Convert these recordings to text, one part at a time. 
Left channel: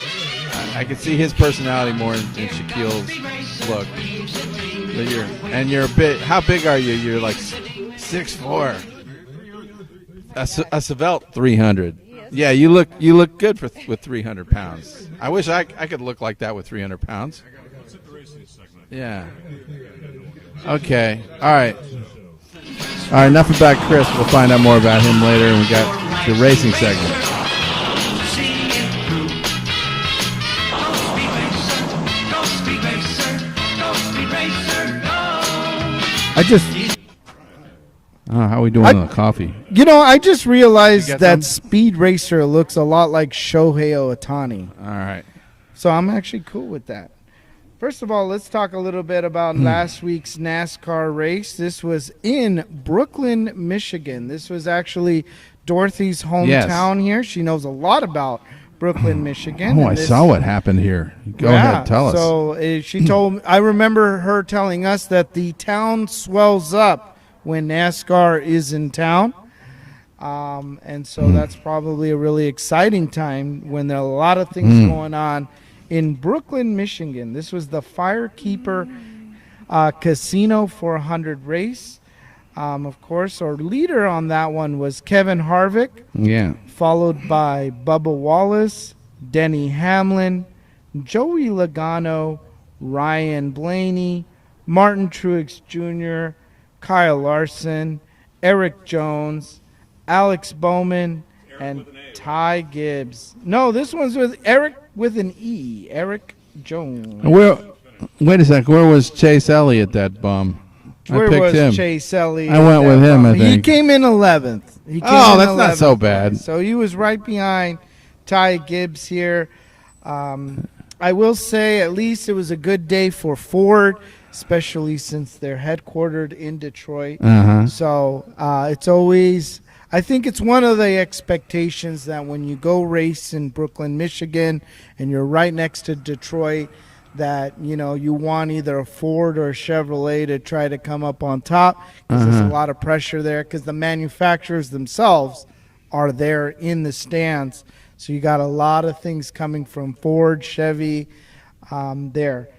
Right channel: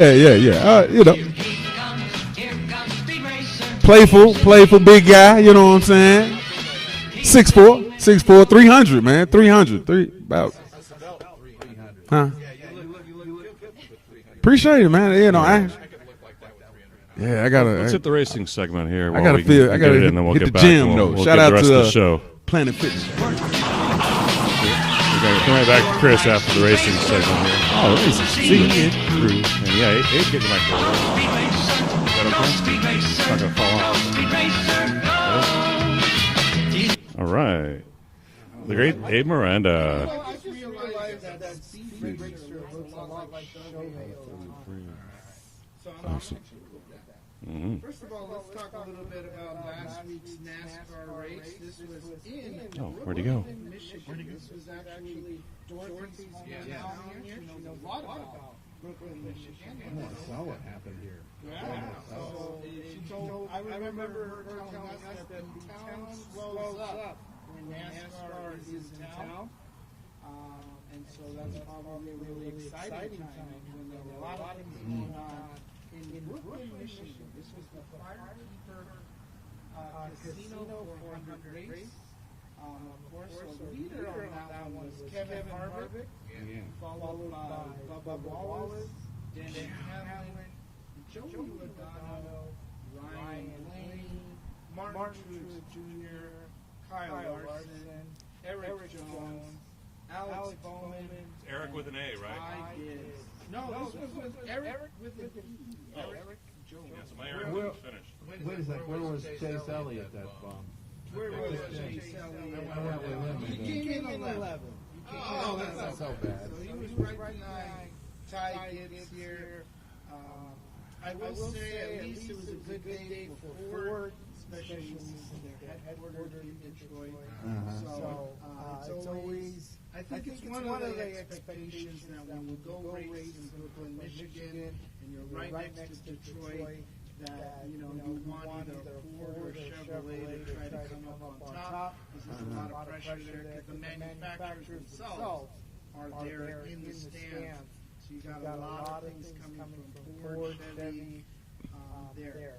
You know, his personality more than Shaquille's look. Playful, big guy. You know what I'm saying? How big are you? You're like 6'4", 300, man, 300. A Svelte 300. Huh? Yeah, you look good with 300. Appreciate pounds. it, man. I wish I could look like that with 300 pounds. Yeah, I gotta. Let's hit the racing segment here. I gotta hit the gym. Okay. We'll Shout get out back to the show. Planet Fitness. All right, enough about Chris. We'll find out more about him later. Chris, the after racing the segment. All right. Oh, how are we doing on the Abe coffee? Miranda. You know, I just realized that some? Speed Racer looks a lot like Shohei Ohtani. All right. So I'm actually cool with that. First of all, let's talk a little bit about last week's NASCAR race. This was in Brooklyn, Michigan. This was actually Dorothy's hometown here. She knows a lot about Brooklyn, Michigan. Oh, I saw what happened here. Go ahead, tell us. So she told, I remember her telling us that the town swells up when NASCAR is in town. And so that's probably a really exciting time when there are a lot of things going on in Brooklyn, Michigan. This was the Firekeeper Casino 400 race. Of course, our leader on that one was Kevin Harvick. Yeah. Followed by Bubba Wallace, Denny Hamlin, Joey Logano, Ryan Blaney, Martin Truex Jr., Kyle Larson, Eric Jones, Alex Bowman, and Ty Gibbs. No, this one's with Eric with an E. Eric Jones. Wait a sec. Where was Chase Elliott, that bum? Where I picked was him. Chase Elliott? I went with him, I think. He came in 11th. That's not so bad. So he was right behind Ty Gibbs here. I will say at least it was a good day for Ford, especially since they're headquartered in Detroit. So it's always, I think it's one of the expectations that when you go race in Brooklyn, Michigan, and you're right next to Detroit, that, you know, you want either a Ford or a Chevrolet to try to come up on top, because there's a lot of pressure there because the manufacturers themselves are there in the stands. So you got a lot of things coming from Ford, Chevy there.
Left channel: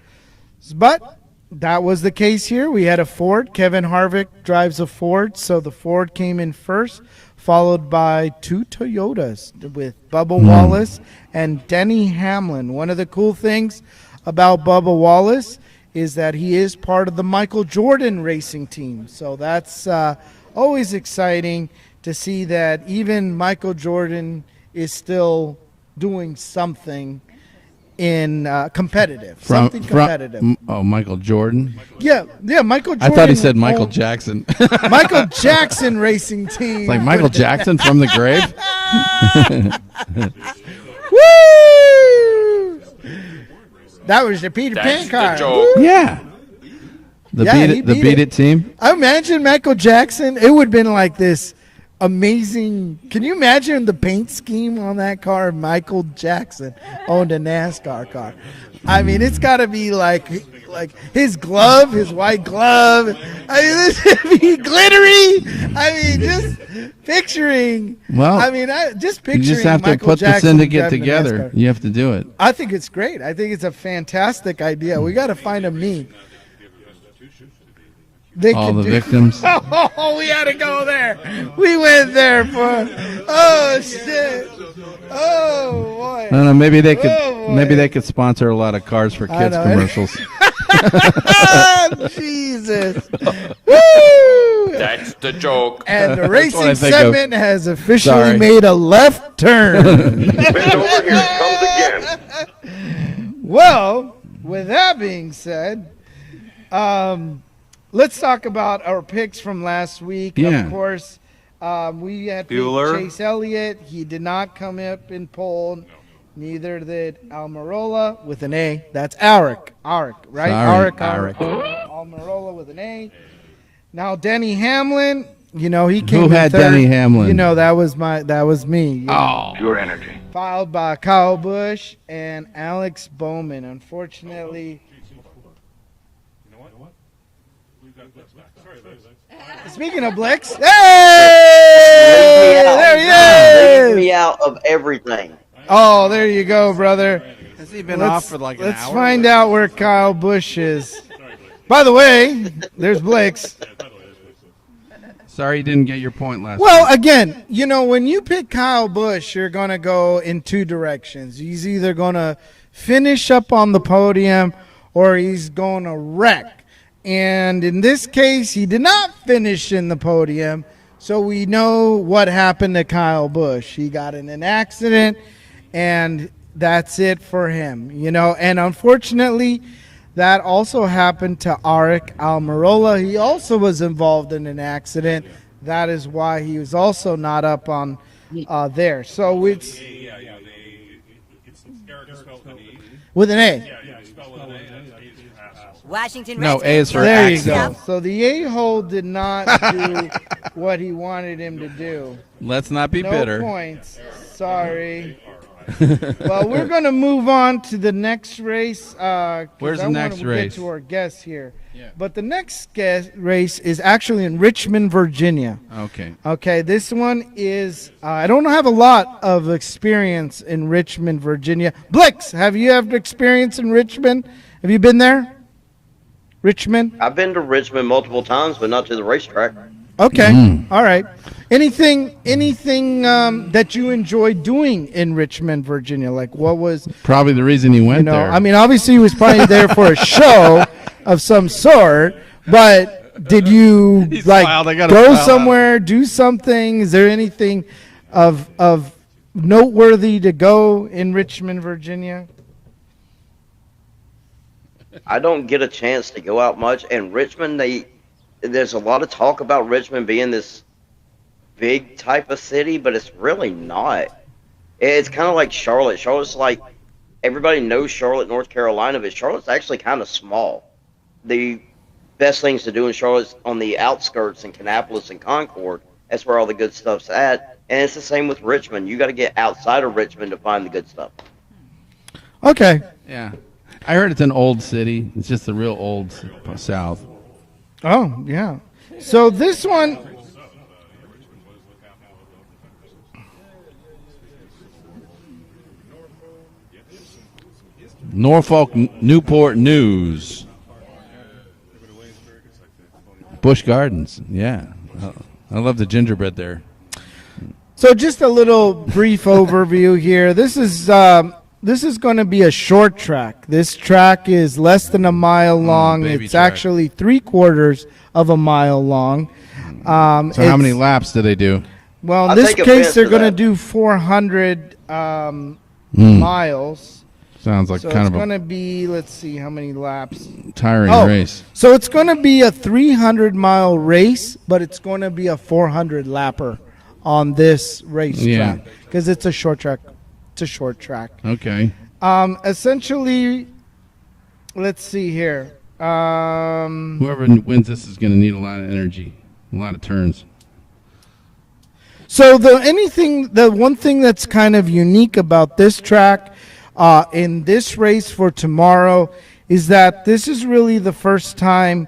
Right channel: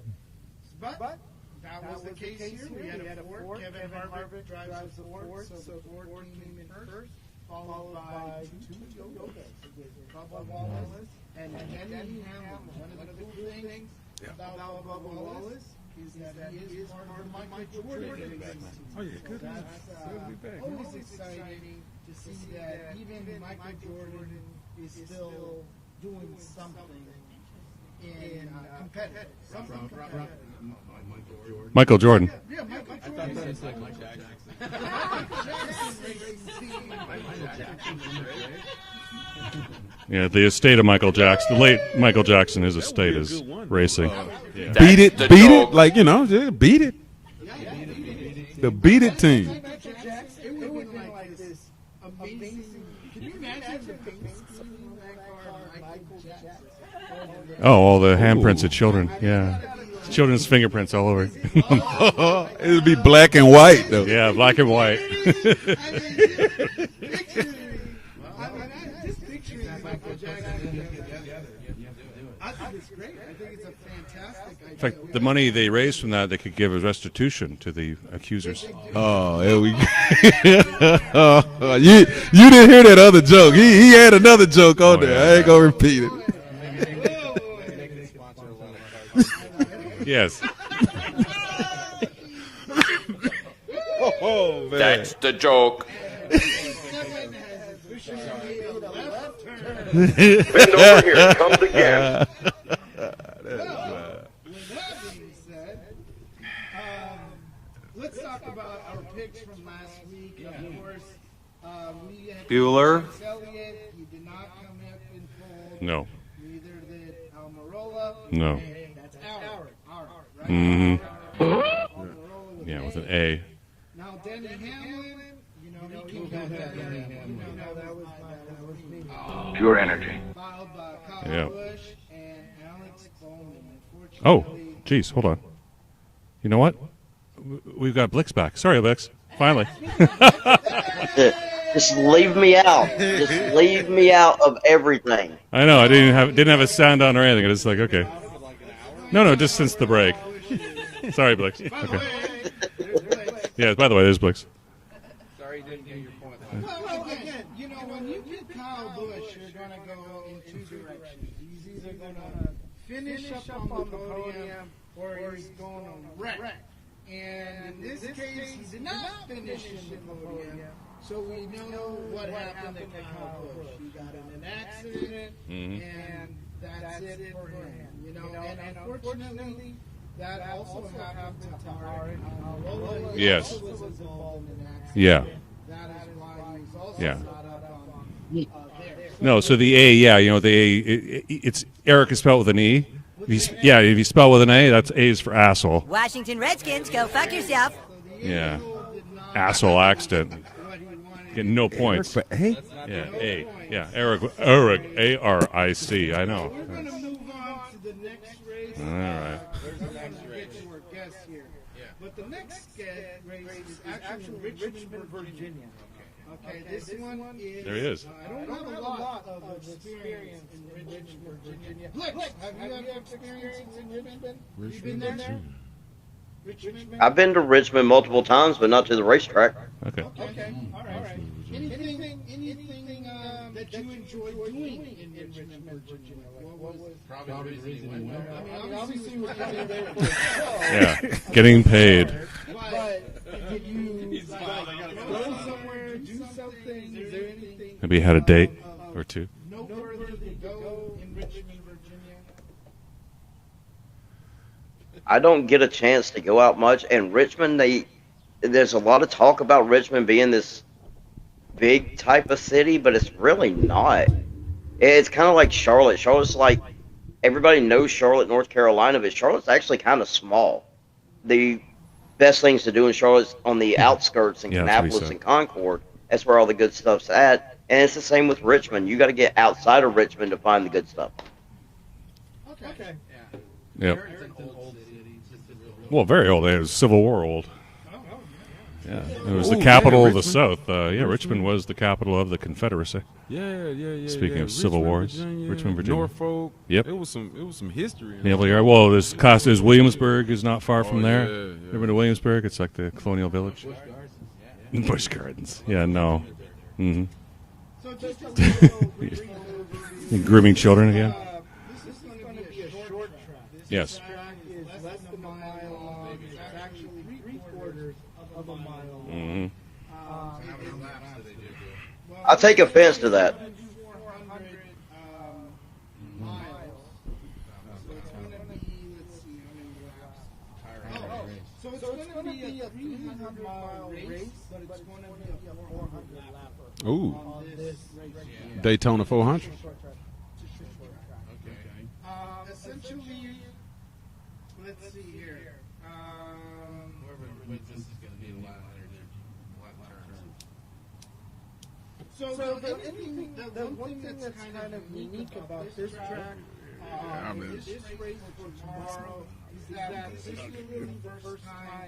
But that was the case here. We had a Ford. Kevin Harvick drives a Ford, so the Ford came in first, followed by two Toyotas with Bubba Wallace and Denny Hamlin. One of the cool things about Bubba Wallace is that he is part of the Michel Jordan racing team. So that's always exciting to see that even Michel Jordan is still doing something in competitive. Michael Jordan? Michael Jordan. Yeah, Michael Jordan. I thought he said Michael Jackson. Michael Jackson racing team. Like Michael Jackson from the grave? Yeah, the estate of Michael Jackson. The late Michael Jackson, his estate is racing. That was the Peter Beat it. Like, you know, beat it. The Beat It team? Imagine Michael Jackson. It would have been like this amazing. Can you imagine the paint scheme on that car? Michael Jackson owned a NASCAR. Oh, all the handprints of children. I mean, it's got to be like children's fingerprints all over. His glove, his white glove. It'd be black and white. Yeah, black and white. Glittery. I mean, just picturing. Well, just picturing. you just have to Michael put Jackson this in to get driving a together. NASCAR. You have to do it. I think it's great. I think it's a fantastic idea. We The got to money find they a raised meme. from that, they could give as restitution to the accused. They All could the do- victims. We got to go there. We went there. You didn't hear that other joke. He had another joke on there. I ain't gonna repeat it. No, maybe they could sponsor a lot of Cars for Kids know. commercials. Yes. Jesus. Woo! That's the joke. And the what I racing think of. segment has officially Sorry. made a left turn. Bend over, here it comes again. Well, with that being said, let's talk about our picks from last week. Yeah. Of course, we had Bueller. Chase Elliott. He did not come up in pole. No. Neither did Almirola with No. an A. That's Aric. Aric, right? Sorry. Aric. Almirola with Yeah, an with A. an A. Now Denny Hamlin, you know, he came Who in had third. Denny Hamlin? You know, that was me. Oh. Pure energy. Followed by Kyle Yeah. Busch and Alex Bowman. Oh, Unfortunately, geez, hold on. You know what? We've got Blix back. Sorry, Blix. Finally. Speaking of Blix, hey! Just leave me out. There he is. Leave me out of everything. I know. Oh, I there you didn't have go, a sound brother. on or anything. It's like, Been okay. off for like an Let's hour. find No, out just where since the Kyle break. Busch is. Sorry, Blix. By the way, there's Blix. Yeah, by the way, there's Blix. Sorry you didn't get your point last Well, week. again, you know, when you pick Kyle Busch, you're going to go in two directions. He's either going to finish up on the podium or he's going to wreck. And in this case, he did not finish in the podium. So we know what happened to Kyle Busch. He got in an accident, and that's it for him. You know, and unfortunately, that also happened to Arik Almirola. He Yes. also was involved in an accident. Yeah. That is why he was also not up on there. So No, so it's- the A, yeah, you know, the A, it's Eric is spelled with an E. with an A. Yeah, if you spell with an A, that's A is for asshole. Washington No, Redskins, A is go for There fuck you yourself. go. So the a-hole did not Asshole do accident. what he wanted Get him no to points. do. Let's not be No bitter. points. Yeah, Eric, Sorry. A-R-I-C. Well, we're going to move on to the next race. 'Cause Where's the I wanna next race? Get to our guest here. But the next race is actually in Richmond, Virginia. Okay. Okay, this one There he is. is. I don't have a lot of experience in Richmond, Virginia. Blix, have you had experience in Richmond? Have you been there? Richmond? I've been to Richmond multiple times, but not to the racetrack. Okay. All right. Anything that you enjoyed doing in Richmond, Virginia? Like what was, Probably the reason he went you know, there. I mean, obviously he was probably there for a show of some Getting sort, but did you like smiled. I gotta go smile out. somewhere, do something? Is there anything Maybe you had a date of or two. noteworthy to go in Richmond, Virginia? I don't get a chance to go out much, and Richmond, there's a lot of talk about Richmond being this big type of city, but it's really not. It's kind of like Charlotte. Charlotte's like, everybody knows Charlotte, North Carolina, but Charlotte's actually kind of small. The best things to do in Charlotte's on the outskirts in Yeah, that's what he Kannapolis said. and Concord. That's where all the good stuff's at. And it's the same with Richmond. You got to get outside of Richmond to find the good stuff. Okay. yeah. Yeah. I heard it's an old city. It's just a real old. Well, very old. It was South. Civil War old. Oh, yeah. So It was this the capital one, of the South. Yeah, Richmond was the capital of the Confederacy. Yeah. Speaking of Civil Wars, Richmond, Virginia. Norfolk. Yep. It was some history. Norfolk, Well, there's Newport Costas Williamsburg News, is not far from there. yeah, yeah. Ever been to Williamsburg? It's like the colonial village. Busch Gardens. Yeah. Busch Gardens. I love Yeah, the no. gingerbread there. so just a little brief overview here. Grooming This is children again? this is going to be a short track. This Yes. track is less than a mile long. baby It's track. actually 3/4 of a mile long. Mm-hmm. So how it's- many laps do they do? Well, in I'll this take case, offense they're to going to that. do 400 miles. Sounds like So kind it's of going a to be, let's see, how many laps? tiring Oh, race. so it's going to be a 300-mile race, but it's going to be a 400 lapper Ooh. on this racetrack. Yeah. Daytona because it's a 400? short track. It's a short track. Okay. Essentially, let's see here. Whoever wins this is going to need a lot of energy, a lot of turns. So the one thing that's kind of unique about this track in this race for tomorrow is that this is really the first time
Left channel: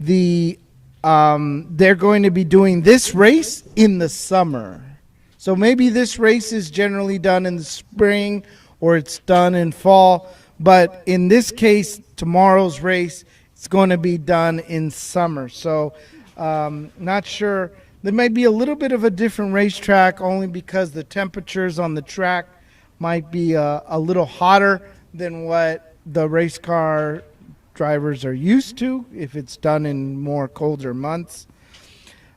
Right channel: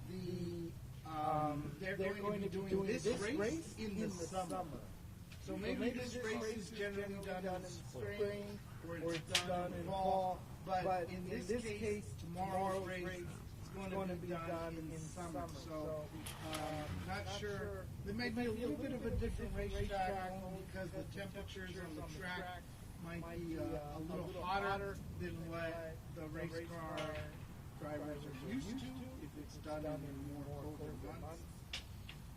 they're going to be doing this race in the summer. So maybe this race is generally done in the spring or it's done in fall, but in this case, tomorrow's race is going to be done in summer. So not sure. There might be a little bit of a different racetrack only because the temperatures on the track might be a little hotter than what the race car drivers are used to if it's done in more colder months.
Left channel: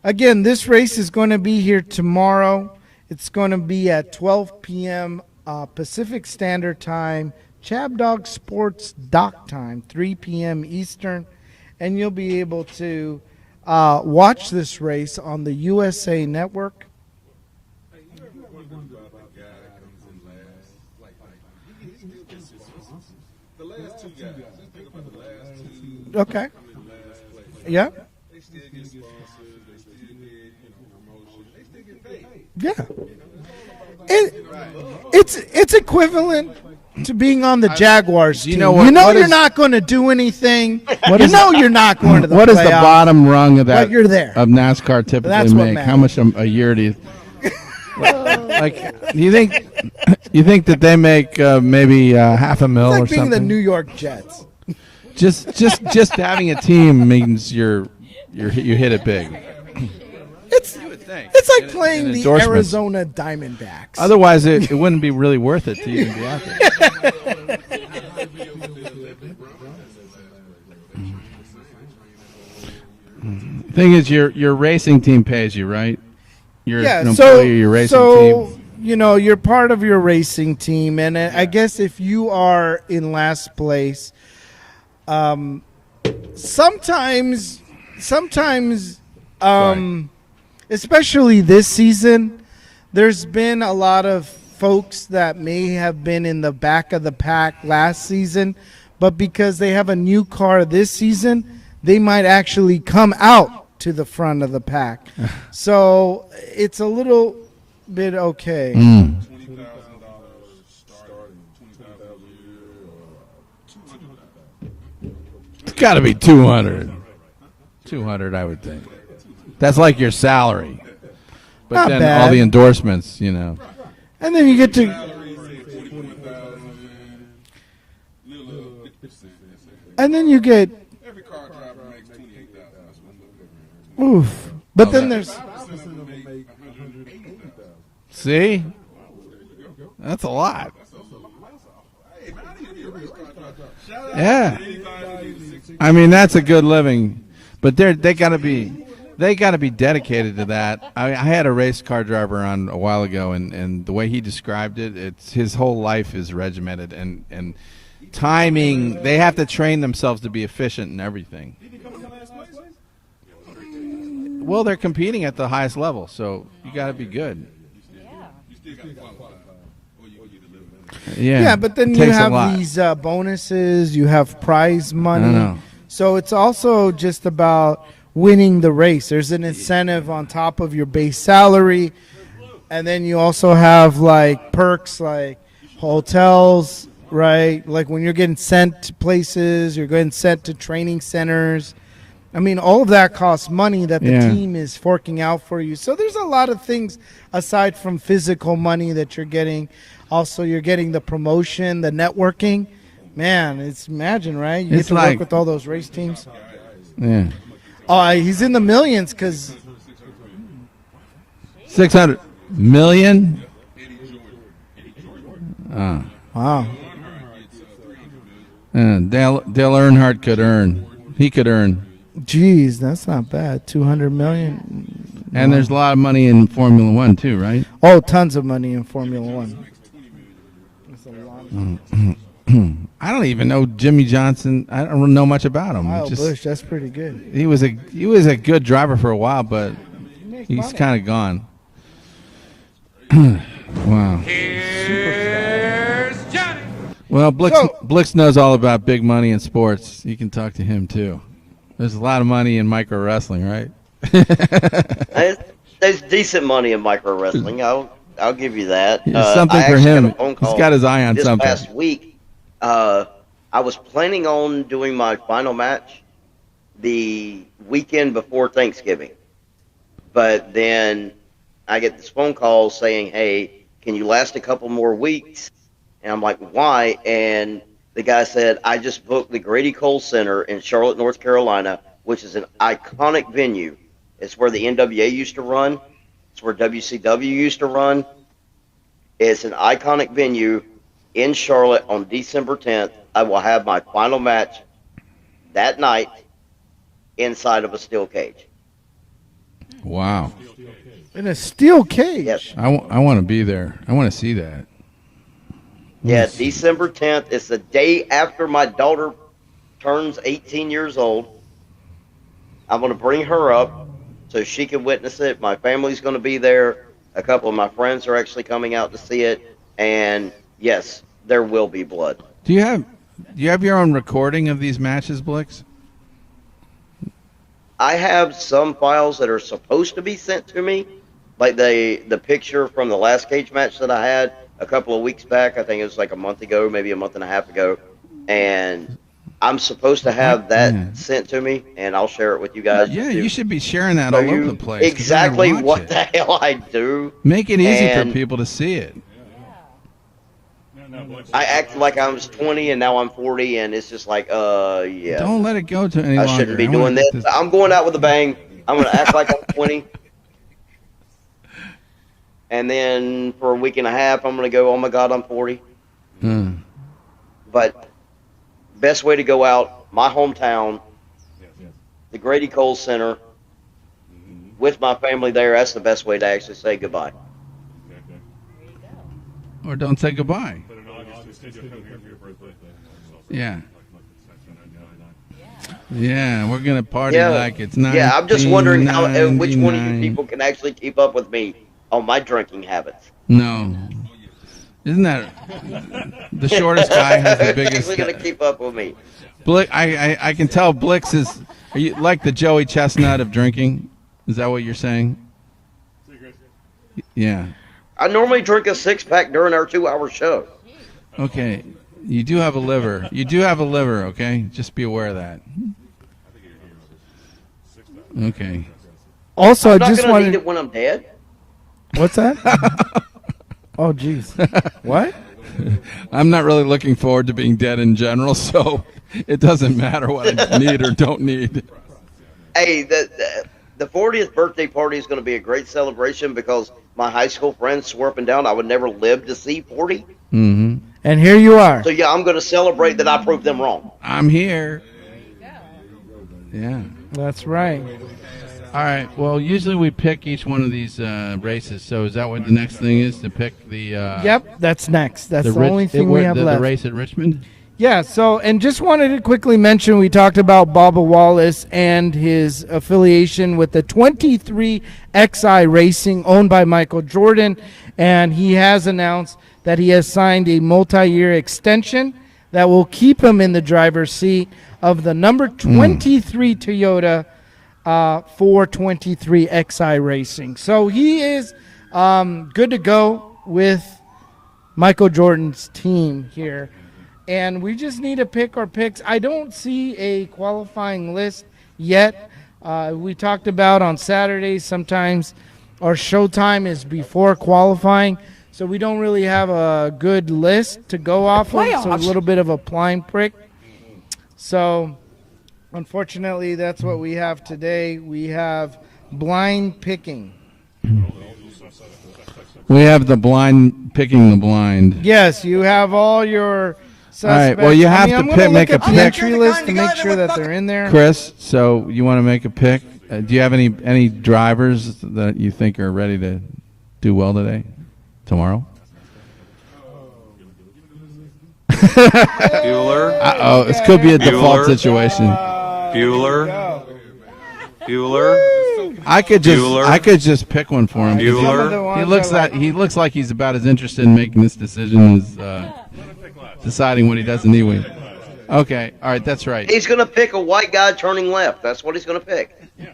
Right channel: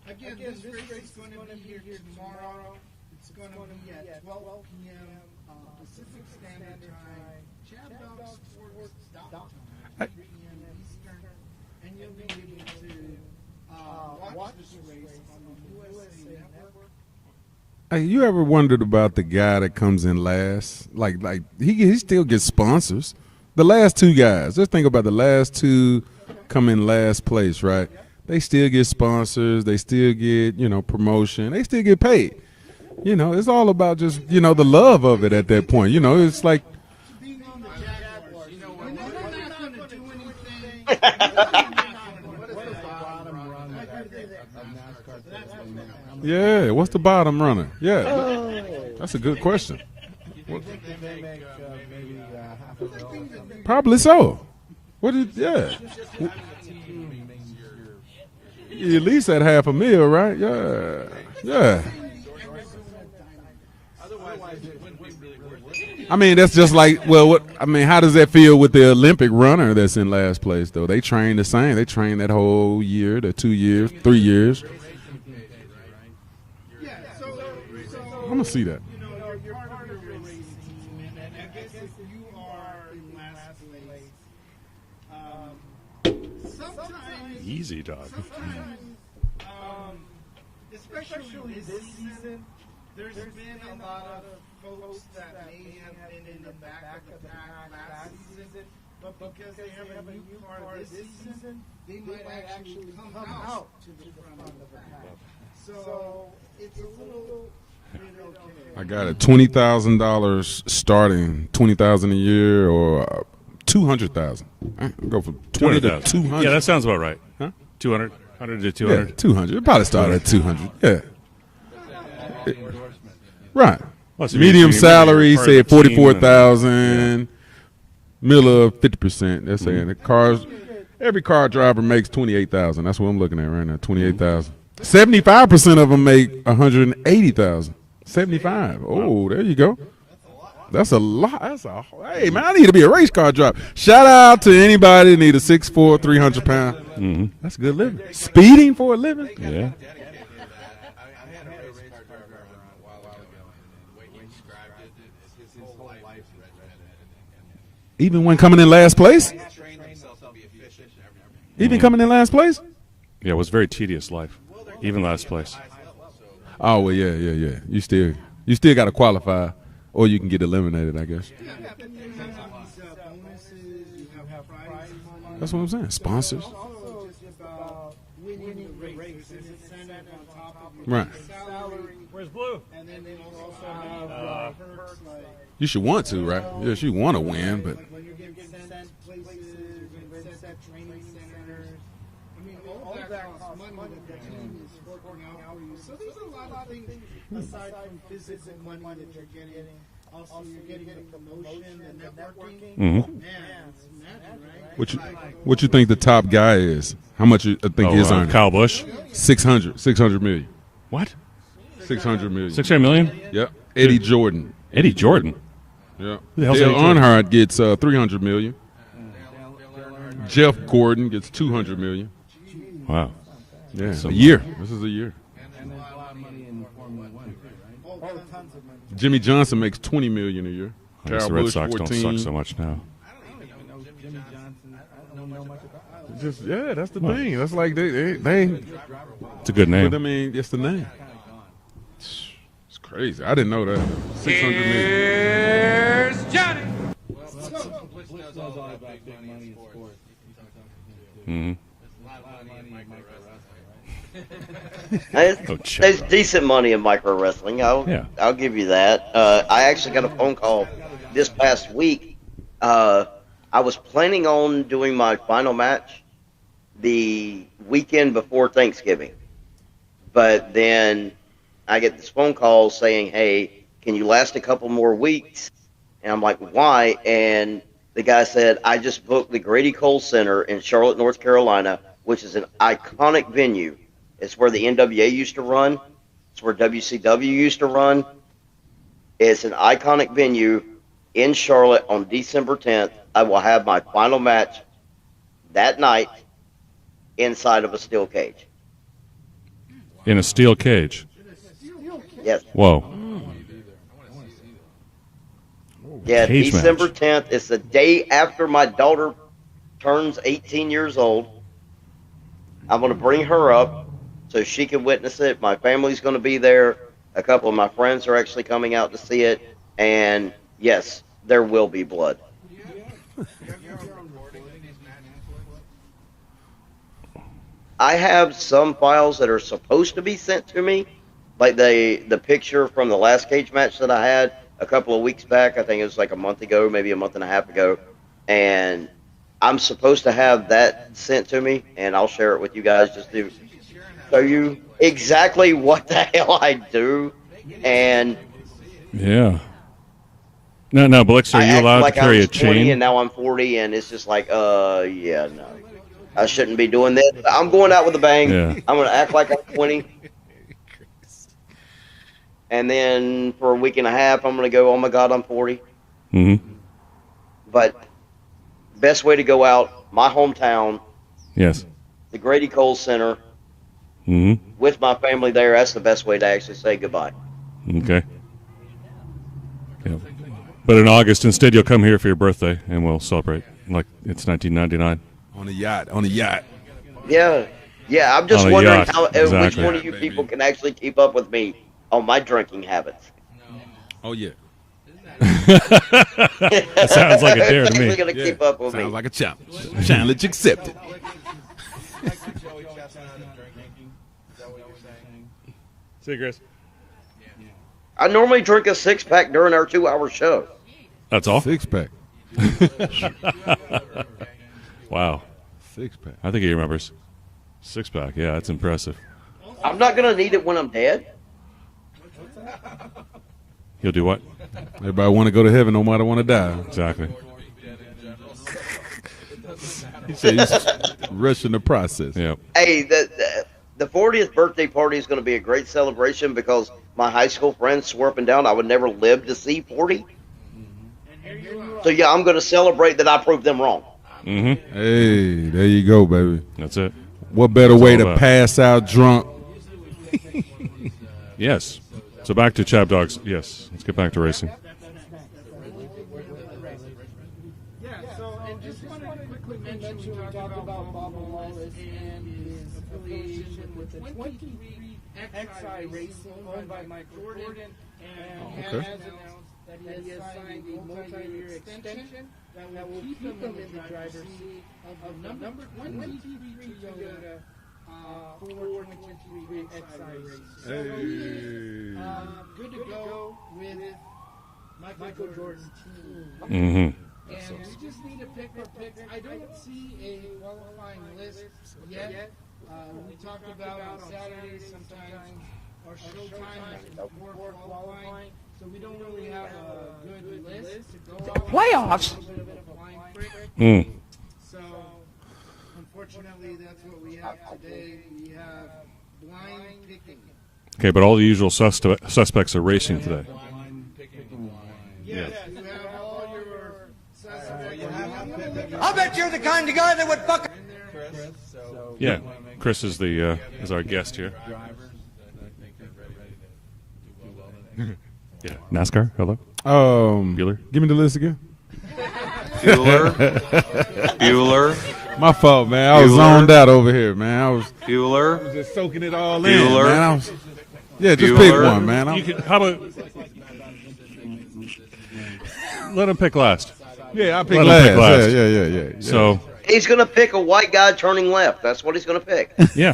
Again, this race is going to be here tomorrow. It's going to be at 12 p.m. Pacific Standard Time, ChabDog Sports dock time, 3 p.m. Eastern, and you'll be able to watch this race on the USA Network. Hey, you ever wondered about the guy that comes in last? Like he still gets sponsors. The last two guys. Just think about the last two Okay. come in last place, right? Yeah. They still get sponsors. They still get, promotion. They still get paid. Yeah. It's all about just, It- the love of it it's- at that it's point. It's equivalent- like to being on the Jaguars team. you know what you're is- not going to do anything. You're not going to the What is the playoffs, bottom rung of that? but you're there. Of NASCAR typically That's what make? How matters. much a Yeah, year do what's you the bottom runner? Yeah, like? that's a Do you good think? question. You think that they make maybe $500,000 It's or like being something? the New York Probably Jets. so. What is- yeah. Just having a team means you hit it At big. least at $500,000, right? Yeah. It's like Yeah. playing And the endorsements. Arizona Diamondbacks. Otherwise, it wouldn't be really worth it to you. I mean, that's just like, how does that feel with the Olympic runner that's in last place, though? They train the same. They train that whole year, the 2 years, thing is, 3 your years. racing team pays you, right? You're yeah, an so employee of your racing so team. See that. you're part of your racing team, and I guess if you are in last place, sometimes, Easy, Doc. especially this season, there's been a lot of folks that may have been in the back of the pack last season, but because they have a new car this season, they might actually come out to the front of the pack. So it's a little bit okay. Got a $20,000 starting, $20,000 a year, or $200,000. Go for 20. It's gotta be Yeah, 200. that sounds about right. Huh? 200, I would do think. 200. Yeah, 200. That's Probably like start your at salary. 200. Yeah. But Not then bad. all the endorsements, Right. And then Medium you get- salary, Part of say the team 44,000. Miller 50%. They're saying the And cars. then you get Every car driver makes 28,000. That's what I'm looking at right now. 28,000. But then there's- 75% of them make 180,000. 75. Oh, there you go. That's a lot. That's a lot. Hey man, I need to be a race car driver. Shout out to anybody that need a 6'4". I mean, that's a 300 good pound. living. That's But good they living. got to Speeding for a living. They got to be dedicated to that. I had a race car driver on a while ago, and the way he described it, it's his whole life is regimented and Even when coming in last place? They have to train themselves to be efficient in everything. Even coming in last place? Yeah, it was a very tedious life. Well, they're Even competing last at the place. highest level, so you Oh gotta well, be yeah. good. You still got to qualify, or you can get eliminated. I guess. Yeah, Yeah, but then it you takes a have lot. these bonuses, you have prize money. know. That's what I'm saying. So it's also just about winning the race. There's an incentive on top of your base salary, and then you also have like perks like You should want to, hotels, right? Yes, you want to right? win, but- Like when you're getting sent to places, you're getting sent to training centers. I mean, all of that costs money that the Yeah. team is forking out for you. So there's a lot of things aside from physical money that you're getting. Also, you're getting the promotion, the networking. Man, it's imagine, right? You It's get to like- work with all those What you think race the top teams. guy is? Yeah. How much you think Oh, he's on? He's Kyle in the Busch? millions. 'Cause 600 million. What? 600 million. million. Yep. Eddie Jordan. Eddie Jordan. Yep. Dale Earnhardt gets 300 million. Dale Earnhardt could Jeff earn. Gordon gets He could 200 earn. million. Geez, that's Wow. not bad. This 200 is a year. million. This is a year. And there's a lot of money in Formula One too, right? Oh, tons of money in Formula Jimmy Johnson One. makes 20 million a year. Thanks, Kyle the Red Busch, Sox don't 14. suck so much now. I don't even know Jimmy Johnson. I don't know much about him. Kyle Just- Busch, that's Yeah, pretty that's the good. thing. he That's was like he was a good driver for a while, a but good name. But I mean, it's he's kind of gone. It's crazy. I didn't know that. Wow. 600 million. Well, Blix, So- Blix knows all about big money in sports. You can talk to him too. Mm-hmm. There's a lot of money in micro wrestling, right? There's, Oh, shit. there's decent money in micro wrestling. Yeah. I'll give you that. There's something I for actually him. got a phone call He's got his eye on this something. past week. I was planning on doing my final match the weekend before Thanksgiving, but then I get this phone call saying, "Hey, can you last a couple more weeks?" And I'm like, "Why?" And the guy said, "I just booked the Grady Cole Center in Charlotte, North Carolina, which is an iconic venue. It's where the NWA used to run. It's where WCW used to run. It's an iconic venue in Charlotte on December 10th. I will have my final match that night inside of a steel cage." Wow. In a steel cage. In a steel cage. Yes. Whoa. I want to be there. I want to see that. Yeah, Cage December 10th. It's the day after my daughter turns 18 years old. I'm going to bring her up so she can witness it. My family's going to be there. A couple of my friends are actually coming out to see it. And, yes, there will be blood. Do you have your own recording of these matches, Blix? I have some files that are supposed to be sent to me, like the picture from the last cage match that I had a couple of weeks back. I think it was like a month ago, maybe a month and a half ago, and I'm supposed to have that sent to me, and I'll share it with you guys. Yeah, just to you should be sharing that show all over you the place. 'Cause they're exactly gonna what watch the it. hell I do. Make it easy and for people to see it. Yeah. No, Blix, are I you acted allowed like to I carry a was 20 chain? and now I'm 40, and it's just like, yeah. Don't let it go to any I longer. shouldn't be I wanna doing get this. I'm going out with a bang. Yeah. I'm going to act like I'm 20. And then for a week and a half, I'm going to go, oh my God, I'm 40. Mhm. But best way to go out, my hometown, Yes. the Grady Cole Center, hmm with my family there. That's the best way to actually say goodbye. Okay. Or don't say goodbye. But in August, instead, you'll come here for your birthday, and we'll celebrate. Yeah. Like it's 1999. On a yacht. On a yacht. Yeah, we're gonna party Yeah, like it's not. yeah. I'm just Oh, wondering yeah. how Exactly. which one of you people can actually keep up with me on my drinking habits. No, Oh yeah. isn't that the shortest Sounds like a Who's dude to actually me. going to keep up with me? Sounds like a chop. Blix, I can tell Blix is. Are you like the Joey Chestnut of drinking? Is that what you're saying? See you, Chris. Yeah. I normally drink a 6-pack during our 2-hour show. That's Okay. awful. Six pack. You do have a liver. You do have a liver. Okay, just be aware of Wow. that. 6 pack. I think he remembers. 6-pack. Yeah, it's Okay. impressive. Also, I'm I not just going to wanted, need it when I'm dead. What's that? You'll do what? If I want to go to heaven, no matter when I'm I not die. really looking Exactly. forward to being dead in general, so it doesn't matter whether you need or don't Rest in the need. process. Yeah. Hey, the 40th birthday party is going to be a great celebration because my high school friends swore up and down I would never live to see 40. Mm-hmm. And here you are. So, yeah, I'm going to celebrate that I proved them wrong. I'm here. Hey, there you go, baby. That's Yeah. it. That's What right. better way all to about. pass out All right, drunk? well, usually we pick each one of these races. So is that So what back the to next thing ChabDogs. is to Yes. pick the Let's get back to Yep, racing. that's next. That's the, Rich- only thing we have the left. race at Richmond. Yeah, so, and just wanted to quickly mention, we talked about Bubba Wallace and his affiliation with the 23XI Racing, owned by Michel Jordan, and he has announced that he has signed a multi-year extension that will keep him in the driver's seat of the number 23 Toyota for 23XI Racing. So he is good to go with Michel Jordan's team here. Mhm. And we just need to pick our picks. I don't see a qualifying list yet. We talked about on Saturdays sometimes our showtime is before qualifying, so we don't really have a good list to go off of. So a little bit of a blind prick. Mm. So unfortunately, that's what we have today. We have blind picking. Okay, but all the usual suspects are We racing. have the blind picking the blind. Yes, you have all your suspects. right, well, you have to I'm pick- gonna make look a at the pick. entry list to make sure that they're in there. Chris, so you Yeah. want to make a pick? Chris is the, do you have any is our guest here. drivers that you think are ready to do well today, tomorrow? NASCAR. Hello. Bueller. Give me the list again. Bueller. Oh, this could be a default Bueller. situation. My fault, man. I was Bueller. zoned out over here, man. I was Bueller. I could just pick one for Yeah, him. just pick Bueller. one, man. It looks like How he about- looks like he's about as interested in making this decision as Let him pick last. deciding what he does I'll in pick the last. game. last. Yeah. Okay, all right, So- that's right. He's going to pick a white guy turning left. That's what he's going to pick. Yeah.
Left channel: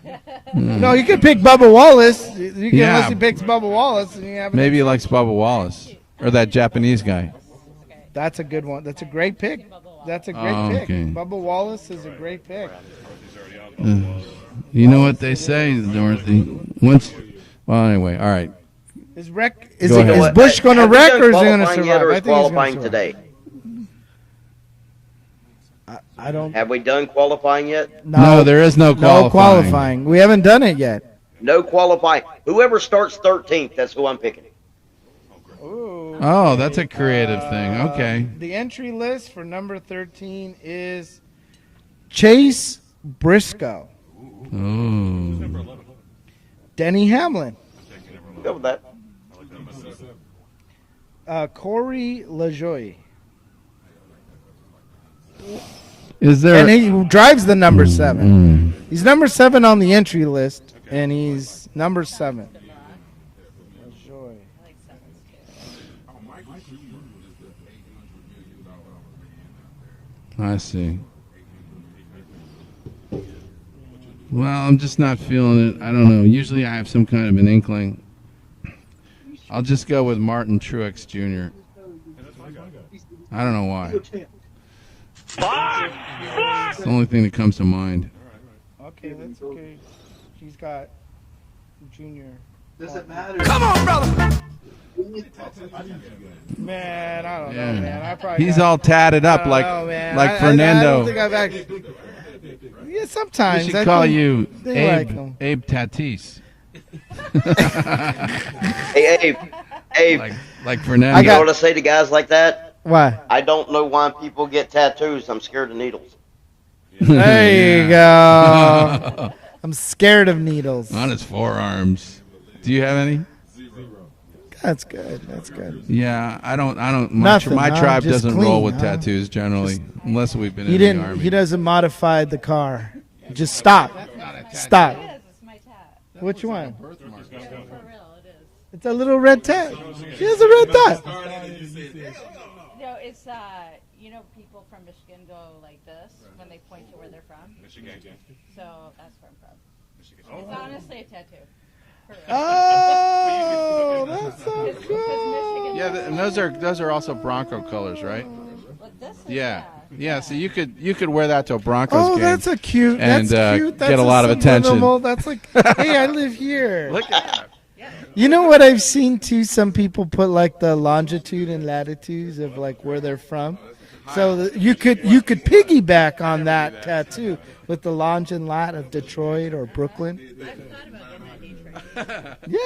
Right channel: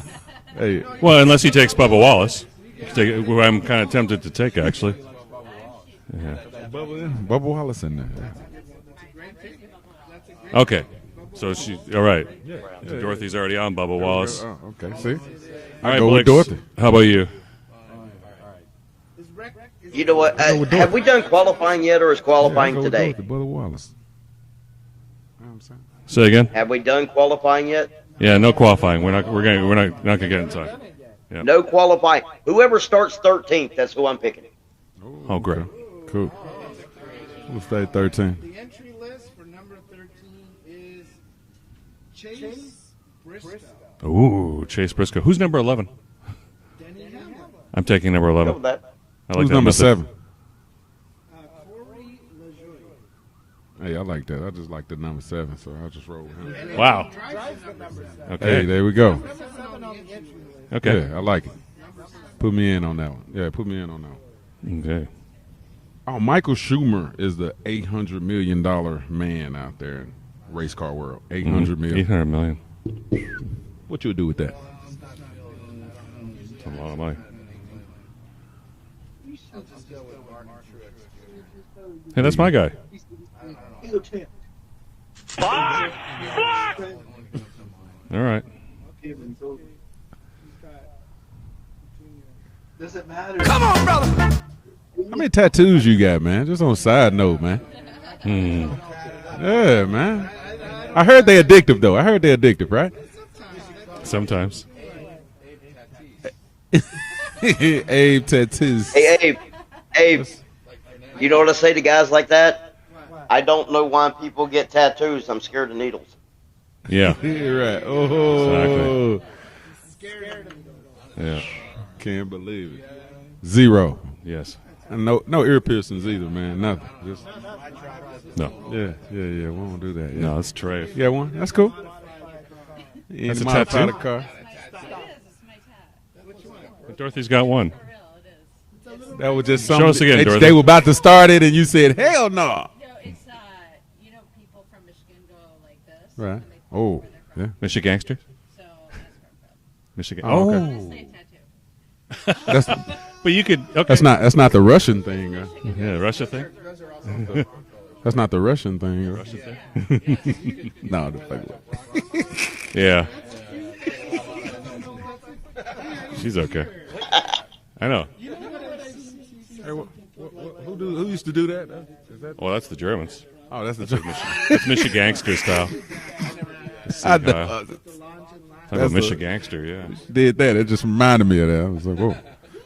No, you Well, can pick unless he Bubba takes Bubba Wallace. Wallace. You can Yeah. unless you pick Who I'm Bubba kinda Wallace. tempted to yeah. take. Maybe he actually. likes Bubba Wallace or that Japanese guy. Bubba Wallace in there. That's a good one. That's a great pick. That's a great Okay. pick. Okay. Bubba So Wallace she's is all right. a great pick. Dorothy's already on Bubba Wallace. You know what they say? All right, Go with Blix. Dorothy. How about you? Well, anyway, all right. Is Bush Go ahead. going to Have we wreck done or is he going to qualifying yet, or is survive? qualifying today? Bubba Wallace. Say again. Have we done qualifying yet? No, no there is no qualifying. No qualifying. qualifying. We're not We haven't gonna done it yet. No qualifying. Whoever starts 13th, that's who I'm picking. Oh, great. Oh, that's a creative thing. Start Okay. 13. The entry list for number 13 is Chase Briscoe, Ooh, Chase Briscoe. Who's number 11? Denny Hamlin, I'm taking number Go 11. with that. I like Who's that number method. 7? Corey LaJoie. Hey, I like that. I just like the number 7, so I just roll. Is there? And he Wow. drives the number 7. Hey, there we He's go. number 7 on the entry list. Okay. And I he's like number 7. Put me in on that one. Yeah, put me in on that one. Okay. Oh, Michael Schumer is the $800 million man out there in I race see. car world. $800 million. 800 million. What you would do with Well, that? I'm just not feeling it. I don't know. Usually I have some kind of an inkling. I'll just go with Martin Truex Jr. Hey, that's my guy. I don't know why. It's the only thing that comes to mind. All right. Okay, that's okay. He's got Junior. How many tattoos you got, man? Just on a side note, man. He's all tatted up like man. like Fernando. I heard they're addictive, though. I heard they're addictive, right? Yeah, We sometimes. should I call think you Sometimes. They like Abe, 'em. Abe Tatis. Abe tattoos. Hey, Abe, Like Fernando. you know what I say to guys like that? Why? I don't know why people get tattoos. I'm scared of needles. Yeah. There you go. I'm scared of needles. On his forearms. Can't believe. Do you have any? 0. Yes. That's good. No ear piercings. Yeah, either, man. I don't. Nothing. My Nothing, tribe just doesn't clean, roll with yeah. tattoos Yeah, generally, just do that. unless No, we. straight. He Yeah, didn't. well, He that's doesn't cool. modify the car. Yeah, Just my stop. car. Stop. Which one? Dorothy's got one. It's a little That red was just tent. something- Show us again, they, Dorothy. they were about to start it, and you said, "Hell no!" No, it's you know, people from Michigan go like this Right. when they play Oh, where they're from. yeah. Michigangster? So that's where I'm from. Michigan. Oh, okay. I'm gonna say a tattoo. But you could. Okay. That's not the Russian thing. Right? Yeah, the Russian those are also Bronco colors, right? That's not the Russian thing. Right? Yeah, yeah. So you could No. wear that to a Broncos Oh, game. that's a cute. Yeah. That's And, cute. get That's a lot of attention. subliminal. That's like, hey, I live He's okay. here. I know. You know what I've seen too? Some people put like the longitude and latitudes Well, of that's like the where Germans. they're from. Oh, that's the joke. So you could Michigangster style. piggyback on that tattoo Yeah. with the longe and lat Like a of Detroit Michigangster, or yeah. Brooklyn. Did that? It just reminded me of that. I was like, "Oh, Yeah,